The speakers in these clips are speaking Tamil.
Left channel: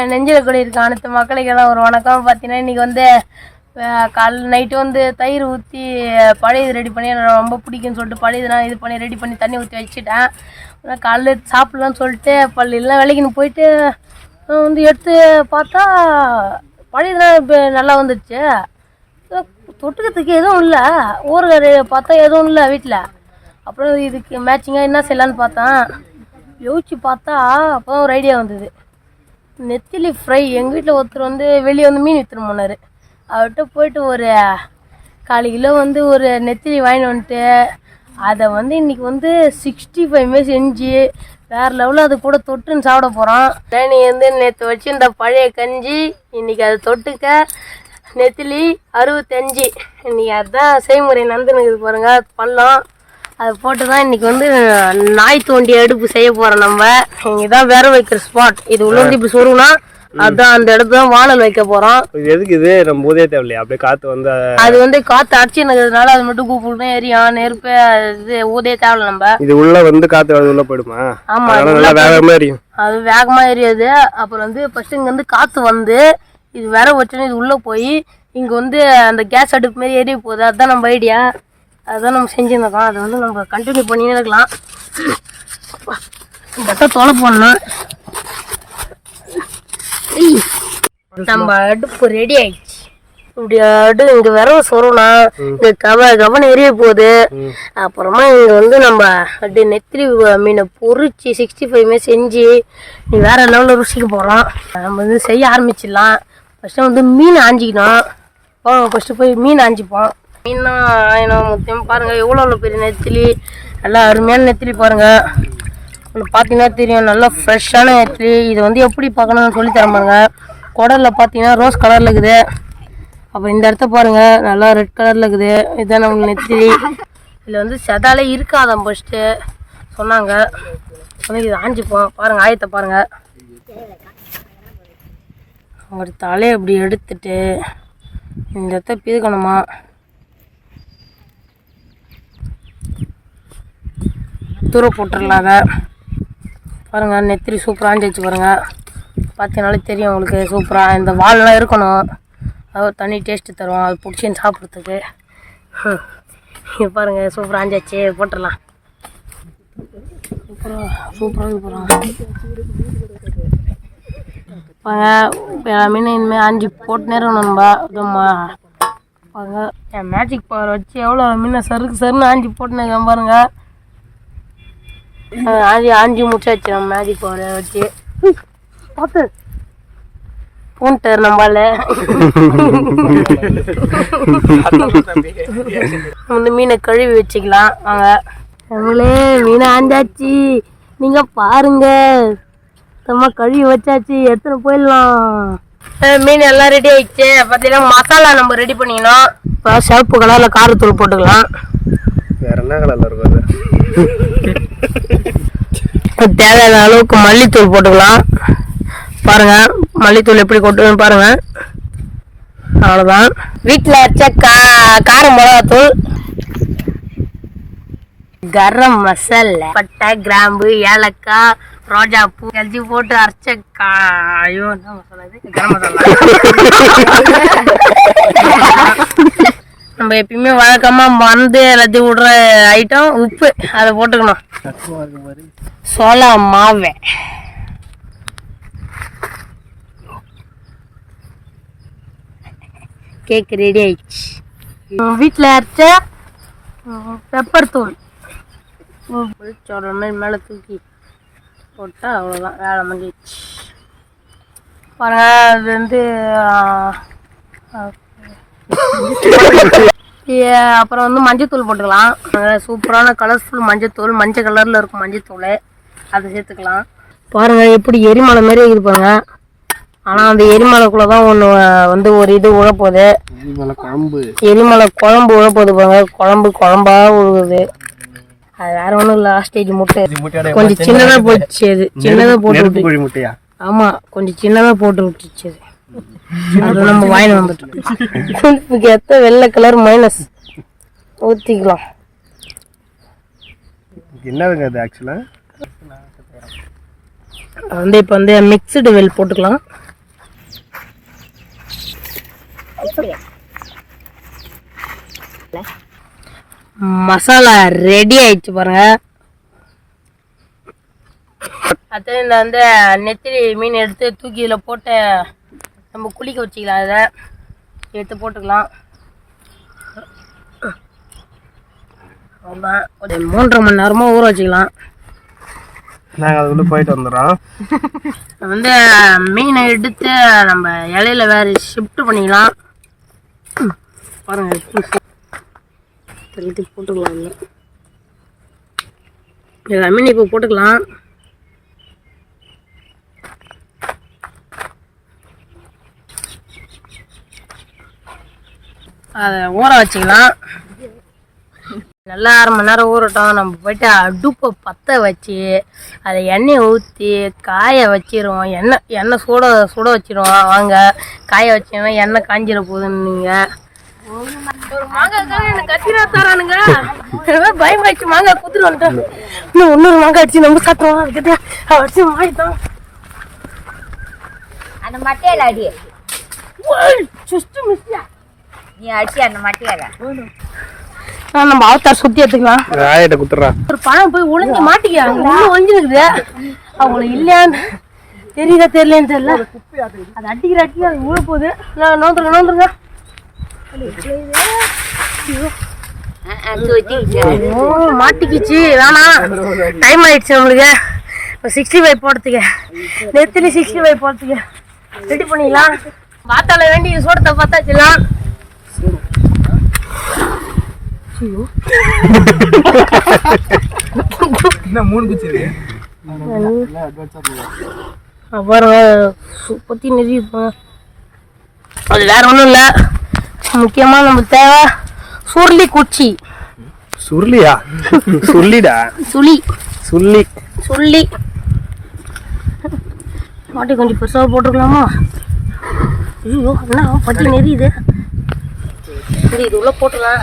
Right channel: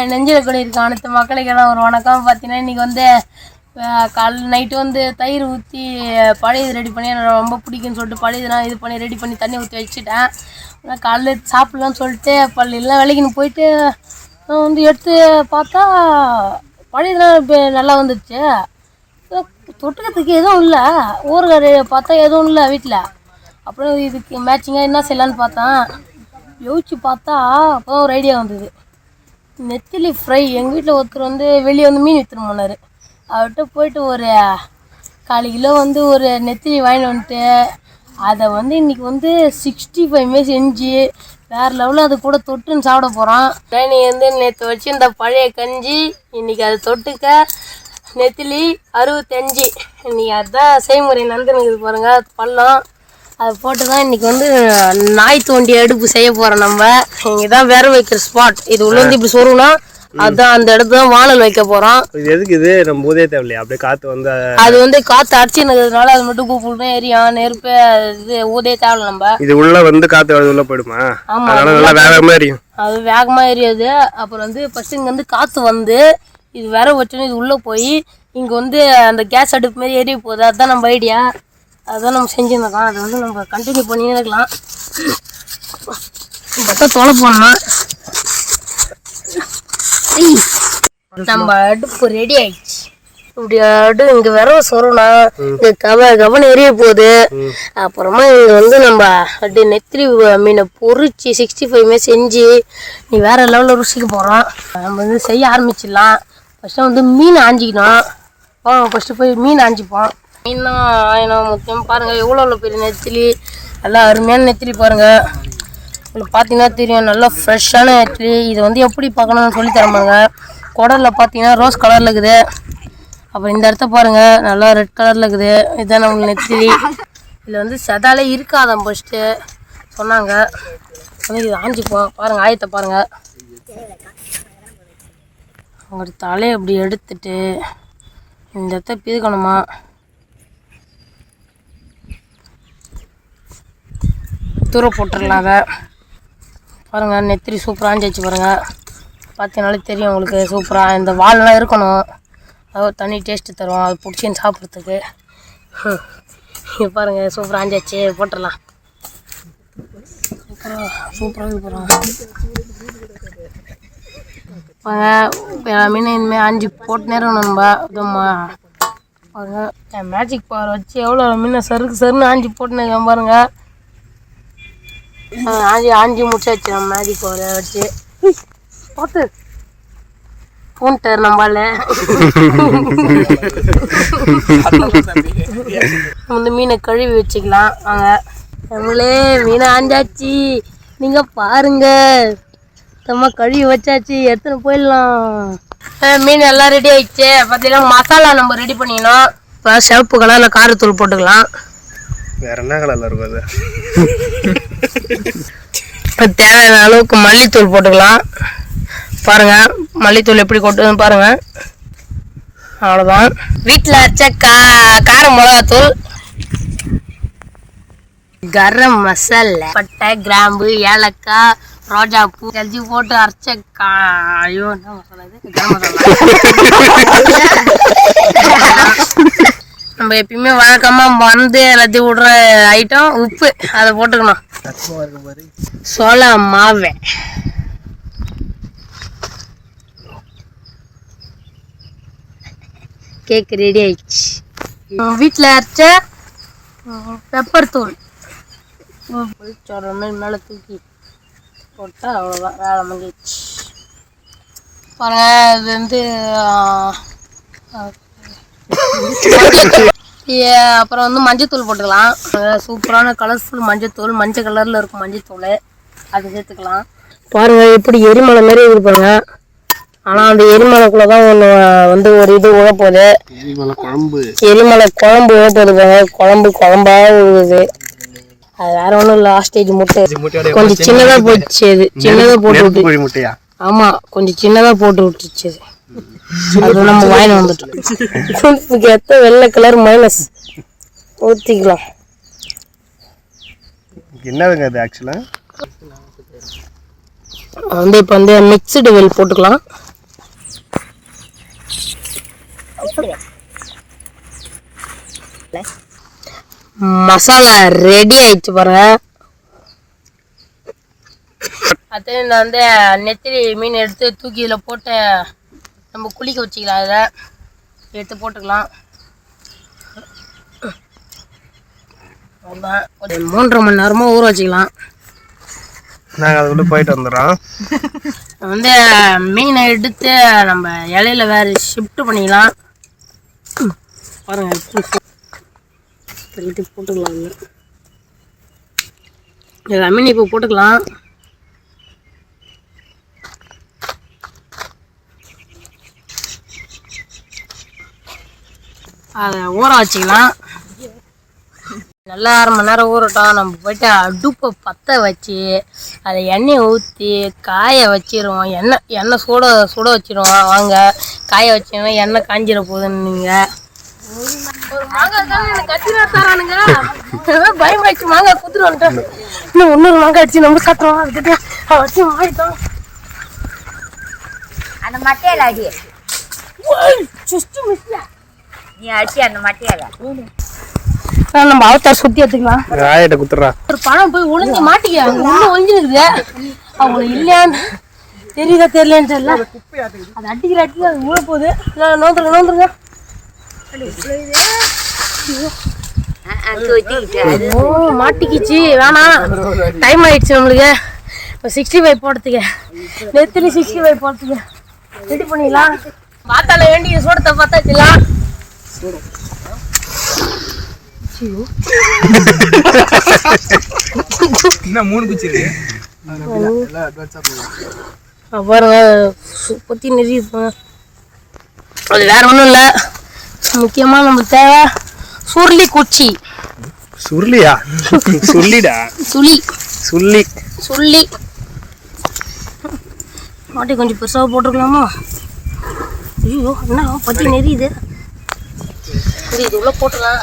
என் நெஞ்சில் கூட இருக்க அனைத்து மக்களுக்கெல்லாம் ஒரு வணக்கம். பார்த்தீங்கன்னா இன்றைக்கி வந்து காலைல நைட்டு வந்து தயிர் ஊற்றி பழையது ரெடி பண்ணி எனக்கு ரொம்ப பிடிக்குன்னு சொல்லிட்டு பழையதுலாம் இது பண்ணி ரெடி பண்ணி தண்ணி ஊற்றி வச்சுட்டேன். காலைல சாப்பிட்லான்னு சொல்லிட்டு பள்ளியெல்லாம் வேலைக்குன்னு போயிட்டு வந்து எடுத்து பார்த்தா பழையதுலாம் இப்போ நல்லா வந்துடுச்சு. தொட்டுக்கிறதுக்கு எதுவும் இல்லை, ஊறுகாய் பார்த்தா எதுவும் இல்லை வீட்டில். அப்புறம் இதுக்கு மேட்சிங்காக என்ன செய்யலான்னு பார்த்தேன். யோசிச்சு பார்த்தா அப்போ ஒரு ஐடியா வந்தது. நெத்திலி ஃப்ரை எங்கள் வீட்டில் ஒருத்தர் வந்து வெளியே வந்து மீன் விற்றுன்னு போனார். அவர்கிட்ட போயிட்டு ஒரு 1/4 கிலோ வந்து ஒரு நெத்திலி வாங்கிட்டு வந்துட்டு அதை வந்து இன்றைக்கி வந்து 65 செஞ்சு வேறு லெவலில் அது கூட தொட்டுன்னு சாப்பிட போகிறோம். நீ வந்து நேற்று வச்சு இந்த பழைய கஞ்சி இன்றைக்கி அதை தொட்டுக்க நெத்திலி 65. இன்றைக்கி அதுதான் செய்முறை நடந்துனுக்குது பாருங்கள். பள்ளம் அதை போட்டு தான் இன்றைக்கி வந்து நாய் தோண்டி அடுப்பு செய்ய போகிறோம். நம்ம இங்கே தான் வேற வைக்கிற ஸ்பாட். இது உள்ள வந்து இப்படி சொருகுனா அதுதான் அந்த இடத்துல தான் வானல் வைக்க போகிறோம். இது எதுக்கு? இது நம்ம ஊதே தேவையில்லையா? அப்படியே காற்று வந்து அது வந்து காற்று அடிச்சுக்கிறதுனால அது மட்டும் கூப்பிட்டு எரியும். நெருப்பு இது ஊதே தேவையில்ல. நம்ம இது உள்ள வந்து காற்று உள்ள போயிடுமா? ஆமாம், நல்லா வேகமாக எரியும். அது வேகமாக எரியாது. அப்புறம் வந்து ஃபஸ்ட்டு இங்கே வந்து காற்று வந்து இது வேற வச்சோன்னு இது உள்ளே போய் இங்கே வந்து அந்த கேஸ் அடுப்பு மாரி எரிய போகுது. அதுதான் நம்ம ஐடியா. அதுதான் நம்ம செஞ்சுருந்தோம். அதை வந்து நம்ம கண்டினியூ பண்ணினே இருக்கலாம். பக்கம் தொலை போடணும். நம்ம அடுப்பு ரெடி ஆயிடுச்சு. இப்படி இங்கே விரவ சொருனா இங்கே கவனம் எரிய போகுது. அப்புறமா இங்கே வந்து நம்ம அப்படியே நெத்திலி மீனை பொறிச்சு 65 செஞ்சு நீ வேற லெவலில் ருசிக்க போகிறோம். நம்ம வந்து செய்ய ஆரம்பிச்சிடலாம். ஃபஸ்ட்டு வந்து மீன் ஆஞ்சிக்கணும். ஃபஸ்ட்டு போய் மீன் ஆஞ்சிப்போம். மீன்னா ஆயினம் முத்தியம் பாருங்கள். எவ்வளோ பெரிய நெத்திலி, நல்லா அருமையான நெத்திலி பாருங்கள். உங்களுக்கு பார்த்தீங்கன்னா தெரியும், நல்லா ஃப்ரெஷ்ஷான நெத்திலி. இது வந்து எப்படி பார்க்கணும்னு சொல்லி தரமாங்க. குடலில் பார்த்தீங்கன்னா ரோஸ் கலரில் இருக்குது. அப்புறம் இந்த இடத்த பாருங்கள், நல்லா ரெட் கலரில் இருக்குது. இதுதான் நம்மளுக்கு நெத்திலி. இதில் வந்து செதாலே இருக்காதான் ஃபஸ்ட்டு சொன்னாங்க. வந்து இது ஆஞ்சிப்போம். பாருங்கள், ஆயத்தை பாருங்கள். ஒரு தலையை அப்படி எடுத்துட்டு இந்த இடத்த பிதுக்கணுமா. தூர போட்டுடலாம். அதை பாருங்கள், நெத்திலி சூப்பராக ஆஞ்சிச்சு பாருங்கள். பார்த்தீங்கனாலே தெரியும் உங்களுக்கு சூப்பராக. இந்த வால்லாம் இருக்கணும், அதாவது தனி டேஸ்ட்டு தரும். அது பிடிச்சின்னு சாப்பிட்றதுக்கு. பாருங்கள், சூப்பராக ஆஞ்சாச்சு. போட்டுடலாம். சூப்பராக இது போகிறோம். மீன் இனிமேல் ஆஞ்சி போட்டுனே இருக்கணும் நம்ம. அதுமா பாருங்கள், என் மேஜிக் பவர் வச்சு எவ்வளோ மீனை சருன்னு ஆஞ்சி போட்டுனே இருக்கேன் பாருங்கள். ஆஞ்சி முடிச்சாச்சு நம்ம மேஜிக் பவரை வச்சு. பார்த்து போன்ட்டார் நம்மளால. வந்து மீனை கழுவி வச்சுக்கலாம். வாங்க நம்மளே மீனை ஆஞ்சாச்சு. நீங்கள் பாருங்க, நம்ம கழுவி வச்சாச்சு. எடுத்துன்னு போயிடலாம். மீன் எல்லாம் ரெடி ஆயிடுச்சு. பார்த்தீங்கன்னா மசாலா நம்ம ரெடி பண்ணிக்கணும். இப்போ சிவப்பு கலரில் காரத்தூள் போட்டுக்கலாம். வேற என்ன கலரில் இருக்கும் அது? தேவையான அளவுக்கு மல்லித்தூள் போட்டுக்கலாம். பாருங்கள், மல்லித்தூள் எப்படி கொட்டுன்னு பாருங்கள். அவ்வளோதான். வீட்டில் அரைச்ச கார மிளகாத்தூள், கரம் மசாலா, பட்டை, கிராம்பு, ஏலக்காய், ரோஜா பூ எல்லாம் போட்டு அரைச்ச ஐயோ என்ன மசாலா இது? கரம் மசாலா. நம்ம எப்பயுமே வழக்கமாக மறந்து எல்லாத்தையும் விடுற ஐட்டம் உப்பு. அதை போட்டுக்கணும். சோளா மாவை, கேக் ரெடி ஆயிடுச்சு. வீட்டில் அரைச்ச பெப்பர் தூள் சொல்கிற மாதிரி மேலே தூக்கி போட்டால் அவ்வளோதான், வேலை முடிஞ்சிடுச்சு. பாருங்கள், அது வந்து அப்புறம் வந்து மஞ்சத்தூள் போட்டுக்கலாம். சூப்பரான கலர்ஃபுல் மஞ்சத்தூள், மஞ்சள் கலரில் இருக்கும் மஞ்சத்தூள். அதை சேர்த்துக்கலாம். பாருங்கள், எப்படி எரிமலை மாதிரி இருப்பாங்க. ஆனால் அந்த எரிமலைக்குள்ளே தான் ஒன்று வந்து ஒரு இது உழப்போகுது. எரிமலை குழம்பு உழப்போகுது பாருங்க. குழம்பாக உழுகுது. அது வேற ஒன்றும் இல்லை, லாஸ்டேஜ் முட்டை கொஞ்சம் சின்னதாக போயிடுச்சு. அது சின்னதாக போட்டு விட்டு. ஆமாம், கொஞ்சம் சின்னதாக போட்டு விட்டுச்சு. அது நம்ம வாங்கி வந்துட்டோம். எத்த வெள்ளை கலர் மைனஸ் ஊற்றிக்கலாம். என்னதுங்க அது? ஆக்சுவலாக வந்து இப்போ வந்து மிக்சடு வெல் போட்டுக்கலாம். மசாலா ரெடி ஆயிடுச்சு பாருங்க. அடுத்து இந்த வந்து நெத்திலி மீன் எடுத்து தூக்கி இதில் போட்டு நம்ம குளிக்க வச்சிக்கலாம். அதை எடுத்து போட்டுக்கலாம். அவ்வளோதான். ஒரு 3.5 மணி நேரமாக ஊற வச்சுக்கலாம். நாங்கள் அதுக்குள்ளே போயிட்டு வந்துடுறோம். வந்து மீனை எடுத்து நம்ம இலையில வேறு ஷிஃப்ட் பண்ணிக்கலாம். பாருங்க எடுத்து போட்டுக்கலாம். மீன் இப்போ போட்டுக்கலாம். அதை ஊற வச்சுக்கலாம். நல்லா 1/2 மணி நேரம் ஊறட்டும். நம்ம போய்ட்டு அடுப்பை பற்ற வச்சு அதை எண்ணெயை ஊற்றி காய வச்சிருவோம். எண்ணெய் சுட வச்சிருவோம். வாங்க காய வச்சோன்னா எண்ணெய் காஞ்சிட போகுதுன்னு நீங்கள் ஒரு மாங்காய் எனக்கு கத்திரா தரானுங்க. பயமாயிடுச்சு. மாங்காய் குத்துட்டு வந்துட்டோம். இன்னும் இன்னொரு மாங்காய் அடிச்சு நம்ம சாப்பிடுவோம். அதுக்கிட்ட அடிச்சு மாறிட்டோம். அந்த மட்டையில அடி நீ அடிச்சு அந்த மட்டையில நம்ம அவத்தார் சுத்தி எடுத்துக்கலாம். ஆயிட்ட குத்துறா. ஒரு பழம் போய் ஒளிஞ்சு மாட்டிக்க. அங்க உள்ள ஒளிஞ்சுருக்குது. அவங்களுக்கு இல்லையான்னு தெரியுதா தெரியலன்னு தெரியல. அது அடிக்கிற அது ஊழ போகுது. நோந்துருங்க. மாட்டிக்கிச்சு. வேணா டைம் ஆயிடுச்சு நம்மளுக்கு. இப்போ 65 போடுறதுக்கு நெத்திலி 65 போடுறதுக்கு ரெடி பண்ணிடலாம். பார்த்தால வேண்டிய சோடத்தை பார்த்தாச்சுலாம். பாருங்க பத்தி நிறைய அது வேற ஒன்றும் இல்லை. முக்கியமாக நம்ம தேவை சுருளி குச்சி. சுருளியா? சுள்ளிடா. சுள்ளி மாட்டி கொஞ்சம் பெருசாக போட்டுருக்கலாமா? ஐயோ என்ன பத்தி நெறியுது. இது உள்ள போட்டுக்கலாம்.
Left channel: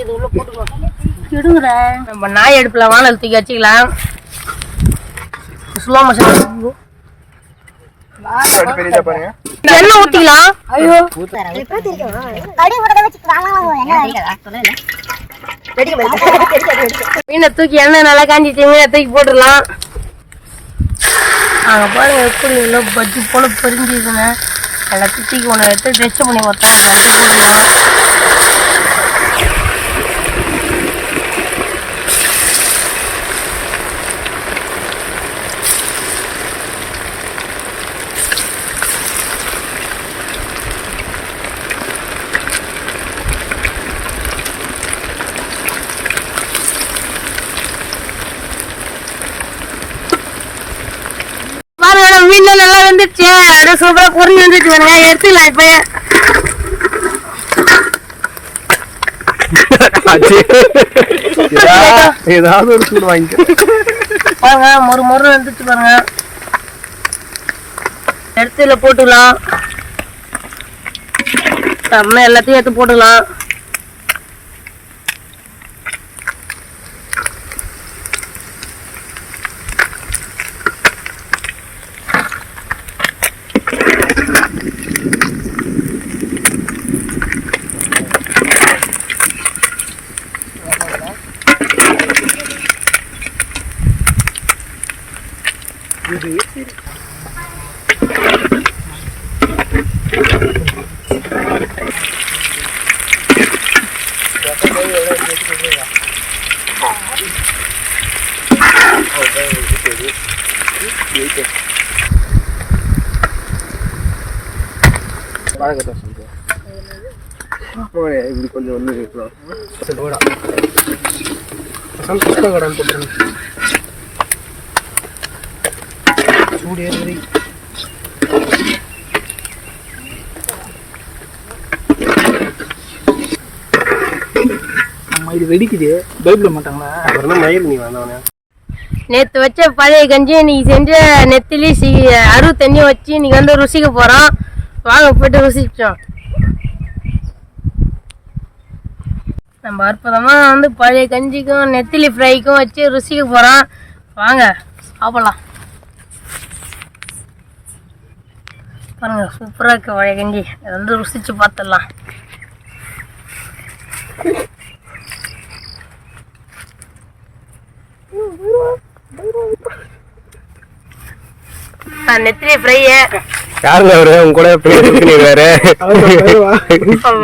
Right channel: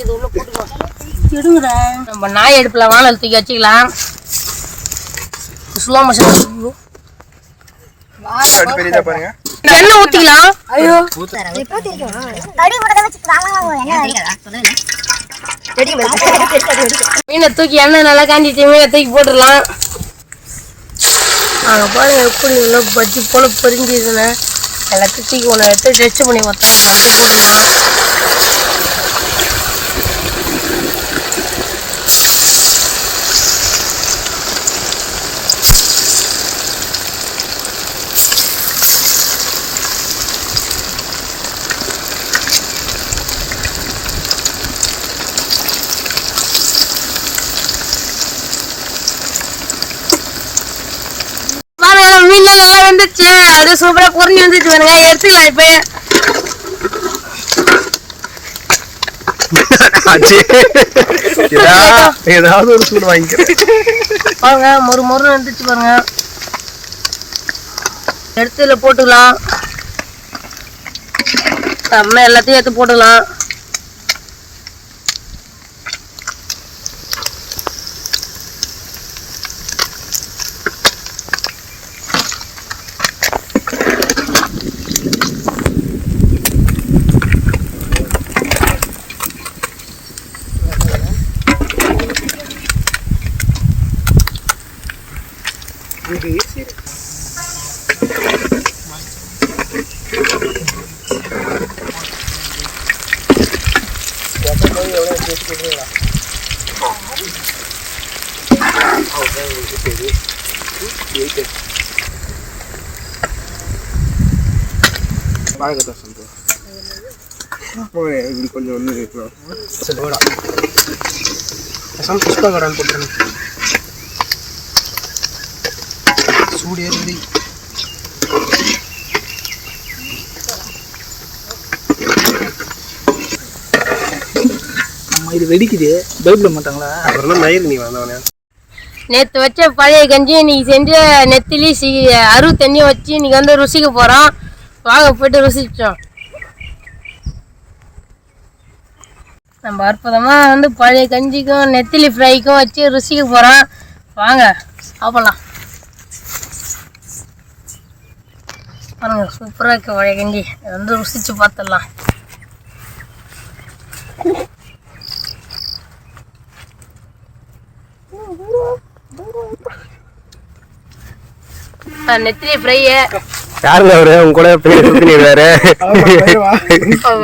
இது உள்ள போட்டுக்கலாம். எடுங்கடா. நம்ம நாய் அடுப்பில் வானல் தூக்கி வச்சுக்கலாம். ஸ்லோ மோஷன் எண்ணெய் ஊற்றிக்கலாம். ஐயோ மீனை தூக்கி எண்ணெய் நல்லா காஞ்சிச்சு. மீனை தூக்கி போட்டுடலாம். அங்கே பாருங்க எப்படி உள்ள பஜ்ஜி போல பொரிஞ்சிருக்குன்னு. எல்லாத்தையும் தூக்கி ஒன்று எடுத்து டெஸ்ட் பண்ணி பார்த்தோம். மஞ்சள் போட்டுக்கலாம். மீன்ல நல்லா வந்துருச்சு. அப்படியே சூப்பரா பொரிஞ்சு வந்துருச்சு. பாருங்க எடுத்துக்கலாம். இப்ப ஏதாவது ஒரு சூடு வாங்கிக்க. பாருங்க மொறு வந்துருச்சு. பாருங்க எடுத்துல போட்டுக்கலாம். எல்லாத்தையும் எடுத்து போட்டுக்கலாம். கொஞ்சம் ஒன்று புஷ்பகடான்னு போட்டுருங்க. சூடு ஏறி இது வெடிக்குது. பைபிள் மாட்டாங்களா? அப்புறம் மயில் நீ வந்தவனே. நேற்று வச்ச பழைய கஞ்சி இன்னைக்கு செஞ்ச நெத்திலி அறுபத்தஞ்சும் வச்சு இன்னைக்கு வந்து ருசிக்க போகிறோம். வாங்க போய்ட்டு ருசிச்சோம். நம்ம அற்புதமாக வந்து பழைய கஞ்சிக்கும் நெத்திலி ஃப்ரைக்கும் வச்சு ருசிக்க போகிறோம். வாங்க சாப்பிடலாம். பாருங்க சூப்பராக இருக்கு வழி கஞ்சி. இதை வந்து ருசிச்சு பார்த்துடலாம். நெத்திலி ஃப்ரை. யாருங்க அவரு உங்க கூட வேற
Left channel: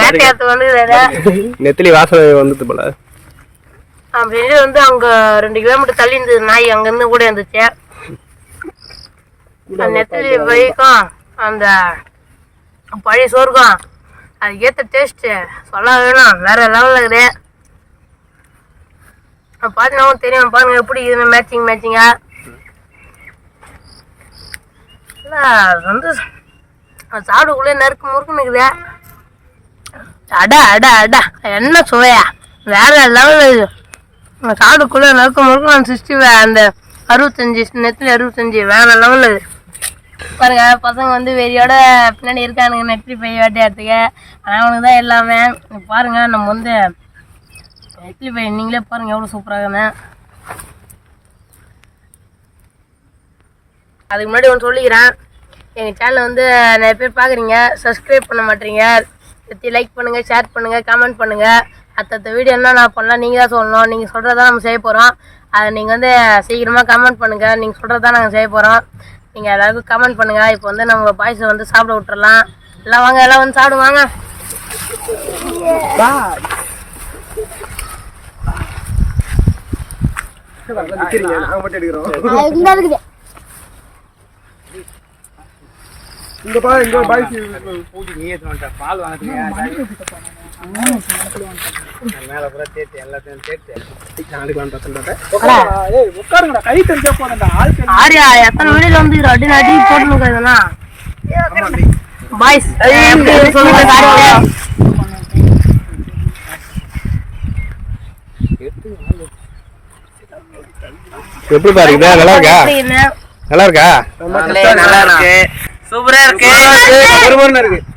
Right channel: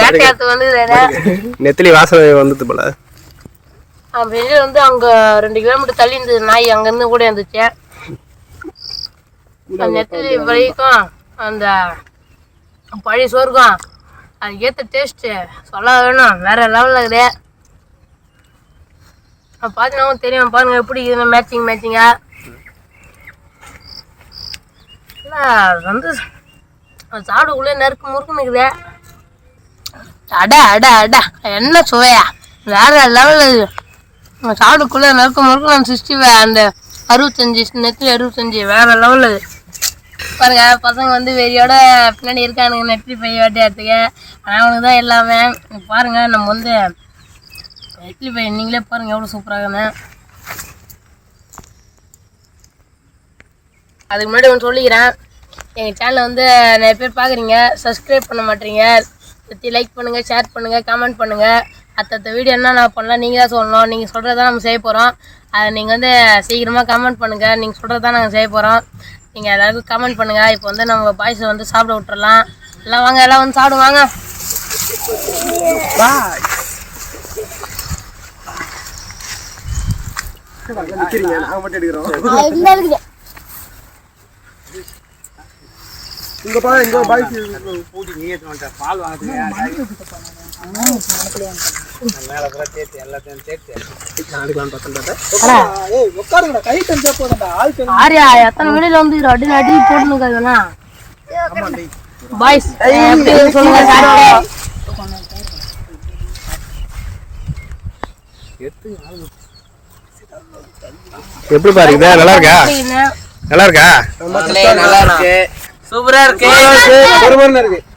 வேட்டையாத்து வந்து நெத்திலி வாசனை வந்துட்டு போல. செஞ்சு வந்து அங்க 2 கிலோமீட்டர் தள்ளி இருந்தது நாய், அங்கிருந்து கூட இருந்துச்சு. நெத்திலி ஃப்ரைக்கும் அந்த பழைய சோறுக்கும் அதுக்கு ஏற்ற டேஸ்ட்டு சொல்ல வேணும், வேற லெவலில் இருக்குது. பார்த்தீங்கன்னா தெரியும் பாருங்க எப்படி இருக்குது மேட்சிங்கா. வந்து சாப்பிடக்குள்ளே நறுக்கு முறுக்குன்னு இருக்குது. அடா என்ன சுவையா, வேற லெவலில் இது. சாப்பிடக்குள்ளே நறுக்கு முறுக்கு. நான் 60 அந்த 65 நெத்திலி 65 வேற லெவலில் இது. பாருங்க பசங்க வந்து வெறியோட பின்னாடி இருக்கானுங்க நெத்திலி பை வேட்டையாடுறதுக்கு. ஆனால் அவனுக்கு தான் எல்லாமே. பாருங்க நம்ம வந்து நெத்திலி பை நீங்களே பாருங்க எவ்வளோ சூப்பராகுன்னு. அதுக்கு முன்னாடி ஒன்று சொல்லிக்கிறேன், எங்கள் சேனலை வந்து நிறைய பேர் பார்க்குறீங்க, சப்ஸ்கிரைப் பண்ண மாட்டீங்க. லைக் பண்ணுங்கள், ஷேர் பண்ணுங்கள், கமெண்ட் பண்ணுங்கள். அடுத்த வீடியோ என்ன நான் பண்ணலாம் நீங்கள் தான் சொல்லணும். நீங்கள் சொல்கிறதான் நம்ம செய்ய போகிறோம். அதை நீங்கள் வந்து சீக்கிரமாக கமெண்ட் பண்ணுங்கள். நீங்கள் சொல்கிறதான் நாங்கள் செய்ய போகிறோம். நீங்கள் எல்லாருக்கும் கமெண்ட் பண்ணுங்கள். இப்போ வந்து நம்ம பாய்ஸை வந்து சாப்பிட விட்டுறலாம். எல்லாம் வாங்க, எல்லாம் வந்து சாப்பிடுவாங்க. இங்க பா, இங்க பாய்ஸ் பூட்டி நீ ஏத்து பால் வாங்குறீங்க மேல பூரா தேத்து எல்லாத்தையும் தேத்து நாளைக்கு பார்த்தேன். ஏய் உட்காருங்கடா, கை தந்தே போறடா. ஆரியா எத்தனை வீடியோல வந்து அடி போட்டுனுங்க இதெல்லாம். பாய்ஸ் எப்படி சொல்லுங்க சாரியா. எப்படி பாருங்க, நல்லா இருக்கா? நல்லா இருக்கா? நல்லா இருக்கு, சூப்பரா இருக்கு, ஒரு மணி நேரம் இருக்கு.